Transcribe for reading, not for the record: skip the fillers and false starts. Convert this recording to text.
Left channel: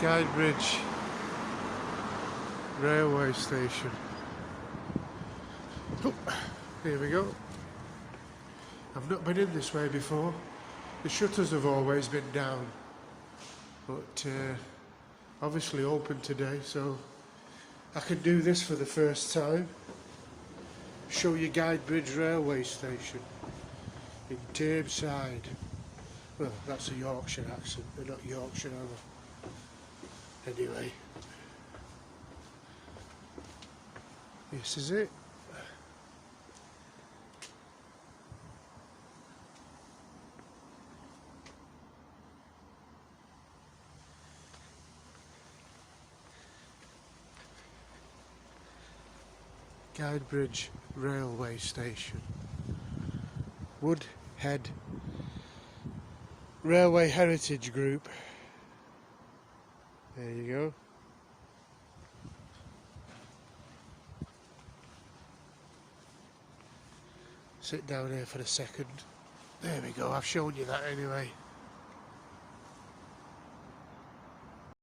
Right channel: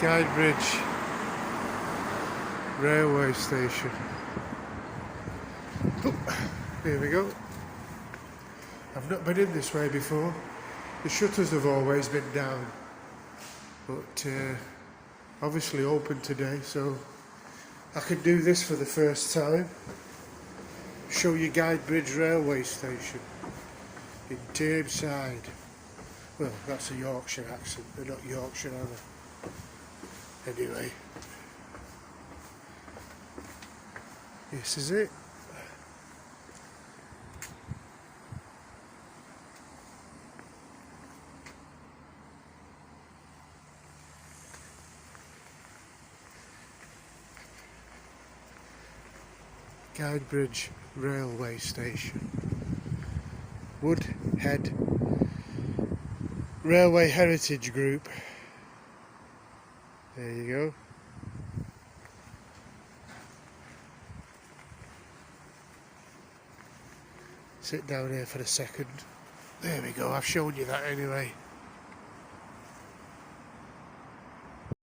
Guidebridge railway station. Oh, here we go. I've not been in this way before. The shutters have always been down, but obviously open today, so I can do this for the first time. Show you Guidebridge railway station in Tameside. Well, that's a Yorkshire accent, they're not Yorkshire, are they? Anyway, this is it. Guidebridge railway station. Woodhead Railway Heritage Group. There you go. Sit down here for a second. There we go, I've shown you that anyway.